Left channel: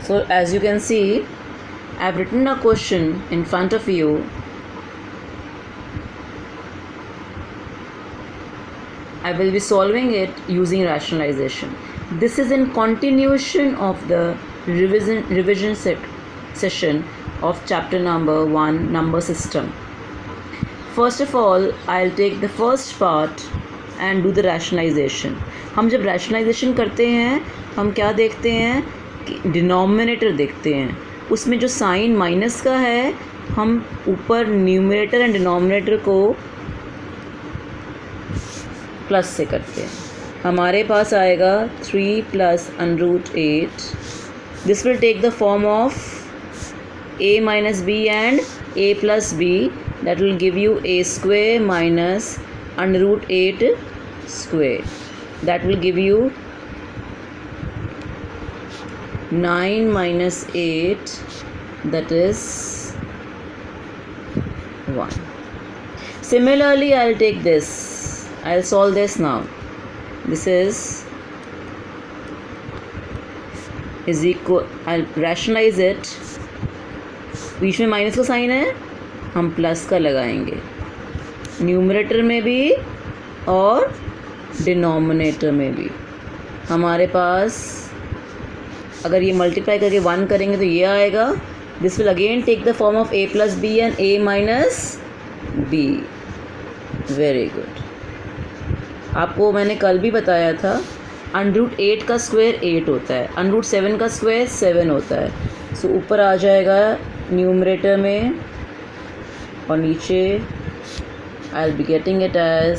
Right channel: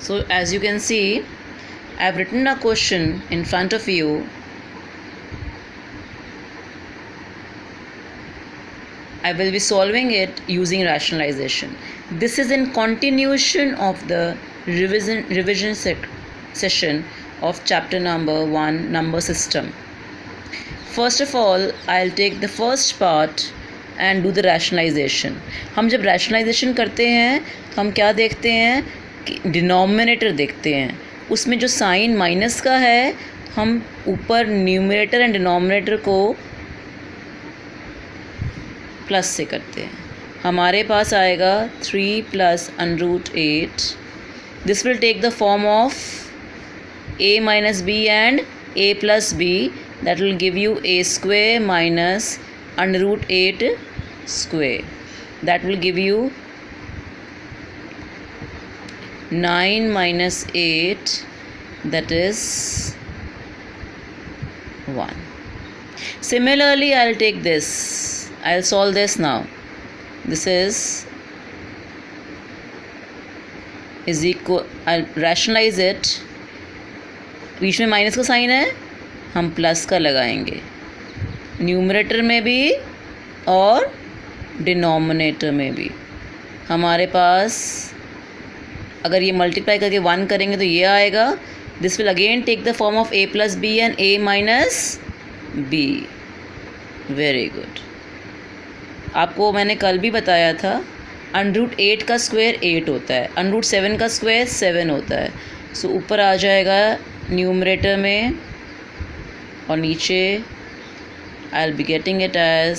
So as you can see, I've written a question in front of you. I will be solving it using rationalization. This is in continuation of the revision session of chapter number 1, number system. First of all, I'll take the first part and do the rationalization. हम जब rationalization करते हैं तो हम क्या देखते हैं कि डिनोमिनेटर देखते हैं. उसमें जो साइन माइनस का है हम ऊपर न्यूमरेटर एंड डिनोमिनेटर को प्लस से करते हैं. हमारे पास आएगा 3 plus √8. This will take the form of a minus b and a plus b. That will give you a square minus √8 square. That will give you 9 minus 8, that is 1. Similarly, I'll take this. I'll solve this now. This is equal. I'll rationalize it. बीच में minus का sign है, हम plus का लगाएंगे numerator में भी और denominator में भी. हमारे पास अगर ये मल्टीप्लाई करके 1 करेंगे तो ये आएगा. This will again take the form of a plus B and a minus B. Very good. आपको मैंने कल भी बताया था √8 का स्क्वायर 8 होता है, √7 का स्क्वायर 7 होता है. सो ऊपर आ जाएगा न्यूमरेटर में और नीचे I will be getting it as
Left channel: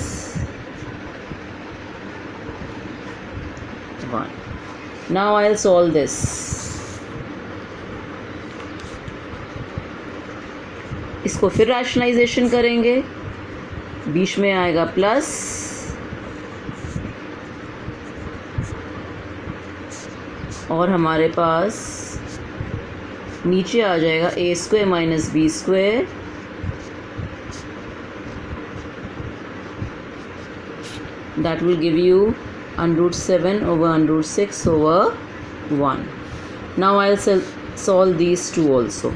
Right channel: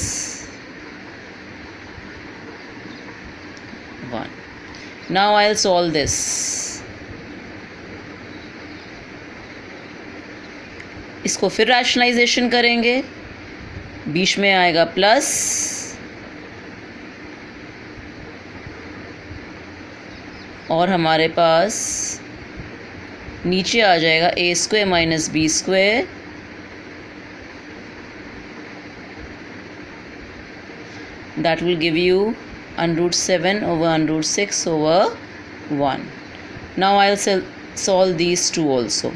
1. Now I will solve this. इसको फिर रैशनलाइजेशन करेंगे. बीच में आएगा प्लस और हमारे पास नीचे आ जाएगा a square minus B square. That will give you √7 over √6 over 1. Now I'll solve these two also.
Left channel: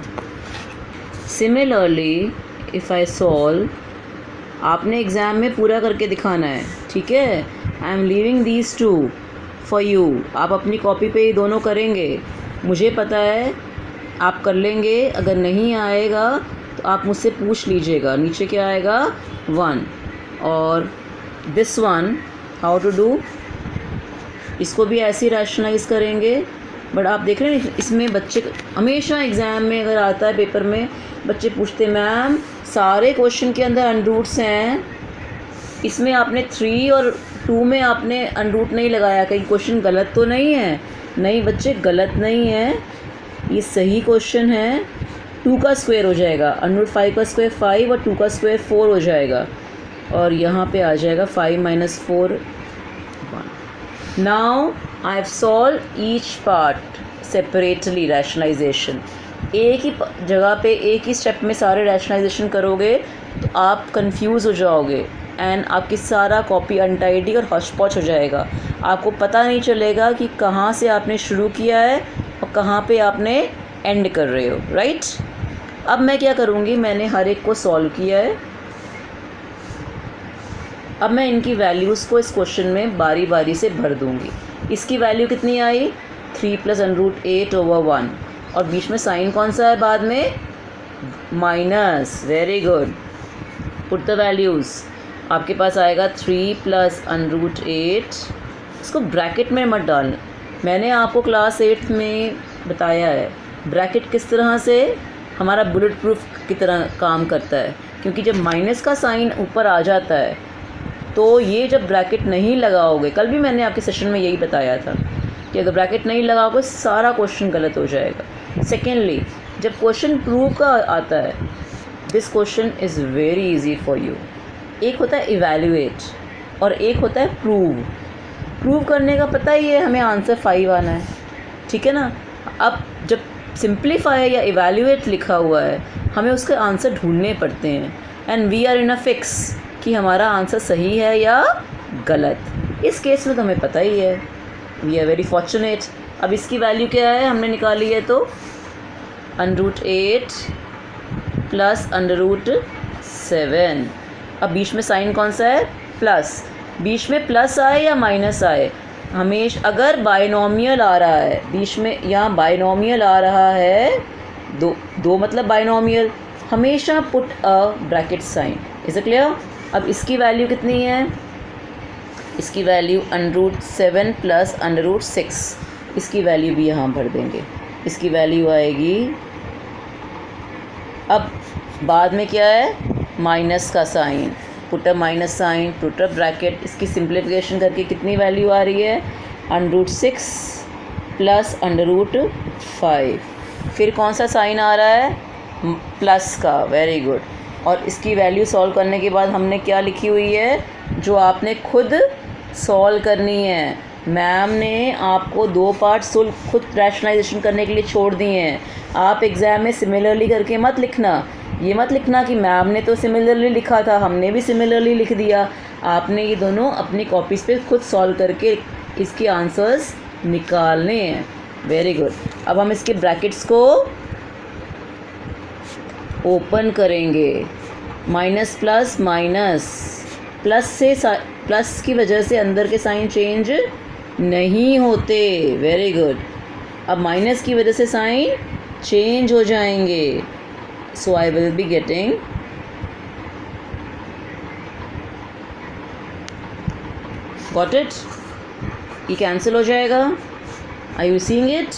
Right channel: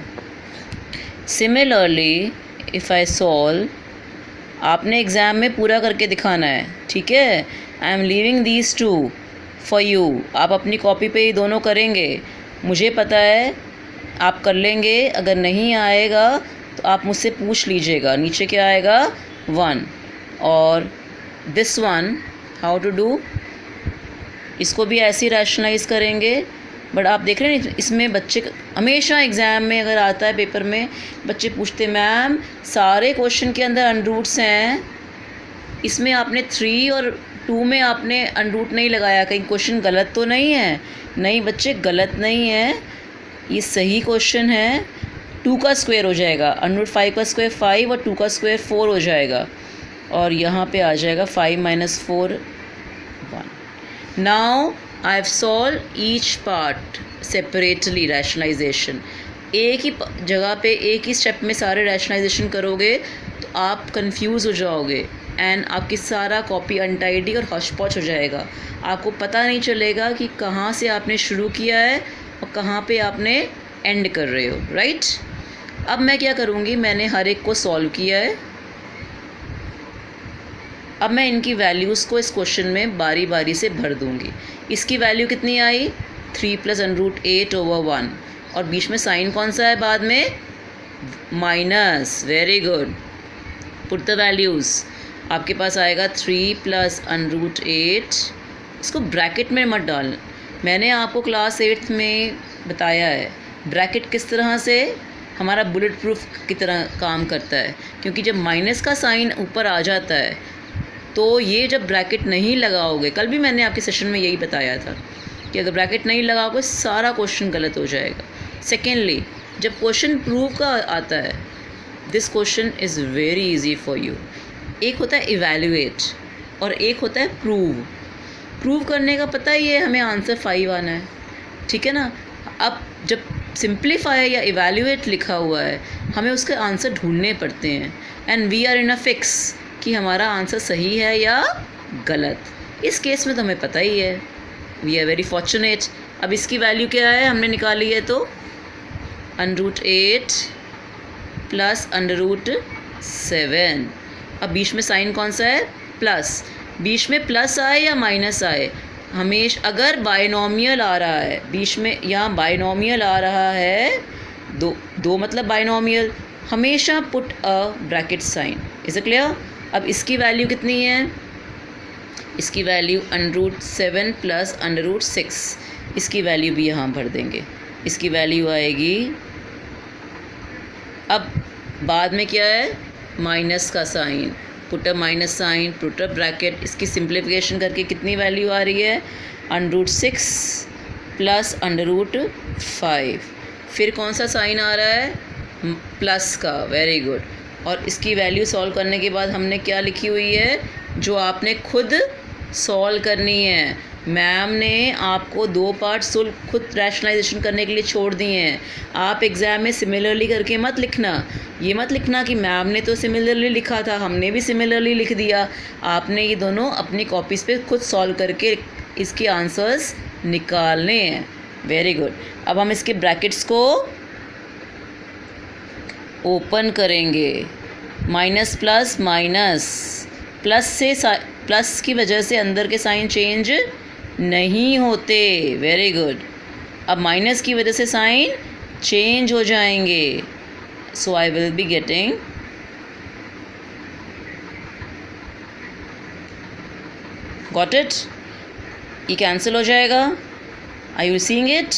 Similarly, if I solve, आपने एग्ज़ाम में पूरा करके दिखाना है, ठीक है. I am leaving these two for you. आप अपनी कॉपी पे ही दोनों करेंगे. मुझे पता है आप कर लेंगे. अगर नहीं आएगा तो आप मुझसे पूछ लीजिएगा. नीचे क्या आएगा 1. और this one how to do, इसको भी ऐसे ही रैशनलाइज करेंगे. बट आप देख रहे हैं इसमें बच्चे हमेशा एग्ज़ाम में अगर आता है पेपर में बच्चे पूछते मैम सारे क्वेश्चन के अंदर अनरूट्स हैं, इसमें आपने 3 और 2 में आपने अनरूट नहीं लगाया, कहीं क्वेश्चन गलत तो नहीं है. नहीं बच्चे, गलत नहीं है, ये सही क्वेश्चन है. 2 का स्क्वायर हो जाएगा, √5 का स्क्वायर 5 और 2 का स्क्वायर 4 हो जाएगा. और यहाँ पे आ जाएगा 5 - 4 1. Now I have solve each part separately rationalisation. एक ही जगह पे एक ही स्टेप में सारे रैशनलाइजेशन करोगे तो आप कंफ्यूज हो जाओगे एंड आपकी सारा कॉपी अनटाइडी और हॉच पॉच हो जाएगा. आपको पता नहीं चलेगा कि कहाँ से आपने शुरू किया है और कहाँ पे आपने एंड कर रहे हो. राइट. अब मैं क्या करूँगी, मैंने हर एक को सॉल्व किया है. अब मैं इनकी वैल्यूज़ को इस क्वेश्चन में बारी बारी से भर दूँगी. इसकी वैल्यू कितनी आई 3 प्लस √8 over 1 और बीच में साइन कौन सा है बाद में minus. Very good. Put the values. आपके पास आएगा 3 प्लस √8. इसको ब्रैकेट में मत डालना. मैंने आपको क्लास 8th में बताया है ब्रैकेट किस तरह से हमारा बुलेट प्रूफ की तरह काम करता है. क्योंकि जब माइनस का साइन ऊपर आ जाता है तो ये जब ब्रैकेट नहीं लगाओगे, कल भी मैंने आपके सेशन में यही बताया था कि अगर ब्रैकेट नहीं लगाओगे सारा क्वेश्चन गलत हो जाएगा. सेकेंडली, जब क्वेश्चन प्रूव का आता है, this question is very easy for you. एक होता है इवैल्यूएट और एक होता है प्रूव. प्रूव करने का पता ही है हमें आंसर 5 आना है, ठीक है ना. अब जब सिंप्लीफाई या इवैल्यूएट लिखा हुआ है हमें उसके आंसर ढूंढने पड़ते हैं and we are in a fix कि हमारा आंसर सही है या गलत. इस केस में तो हमें पता ही है. We are very fortunate. अब इसकी वैल्यू क्या है, हमने निकाली है तो √8 प्लस √7। अब बीच में साइन कौन सा है, प्लस। बीच में प्लस आए या माइनस आए, हमेशा अगर बाइनोमियल आ रहा है बीच में, यहाँ बाइनोमियल आ रहा है, दो मतलब बाइनोमियल, हमेशा put a bracket sign. Is it clear? अब इसकी वैल्यू कितनी है, इसकी वैल्यू √7 प्लस √6, इसकी वैल्यू भी यहाँ भर देंगे। इसकी वैल्यू आएगी, अब बाद में क्या है, माइनस का sign, put a minus sign, put a bracket. इसकी सिंप्लीफिकेशन करके कितनी वैल्यू आ रही है, √6 प्लस √5। फिर कौन सा साइन आ रहा है, प्लस का, वेरी गुड। और इसकी वैल्यू सॉल्व करने के बाद हमने क्या लिखी हुई है, जो आपने खुद सॉल्व करनी है। मैम ने आपको 2 पार्ट खुद रैशनलाइजेशन करने के लिए छोड़ दिए हैं। आप एग्ज़ाम में सिमिलरली करके मत लिखना, ये मत लिखना कि मैम ने तो सिमिलरली लिखा था, हमने भी सिमिलरली लिख दिया। आपने ये दोनों अपनी कॉपीज़ पे खुद सॉल्व करके इसके आंसर्स निकालने हैं। Very good. अब हम इसके ब्रैकेट्स को ओपन करेंगे। माइनस प्लस माइनस, प्लस की वजह से अंदर के साइन चेंज नहीं होते। Very good. अब माइनस की वजह से साइन चेंज हो जाएंगे। So I will be getting got it, ये कैंसिल हो जाएगा। आई यू सीइंग इट,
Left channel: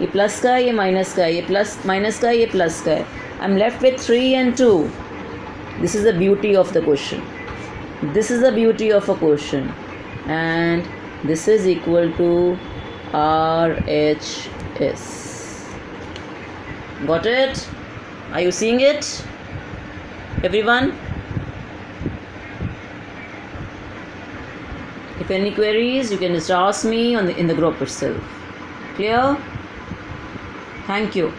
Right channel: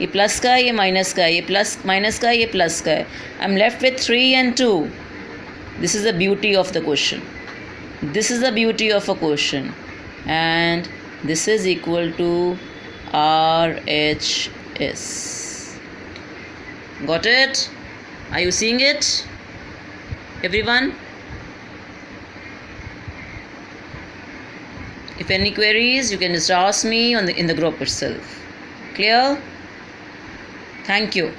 ये प्लस का है, ये माइनस का है, ये प्लस माइनस का है, ये प्लस का है। I am left with 3 and 2। This is the beauty of the question, this is the beauty of a question, and this is equal to RHS. Got it? Are you seeing it, everyone? If any queries, you can just ask me in the group itself. Clear? Thank you.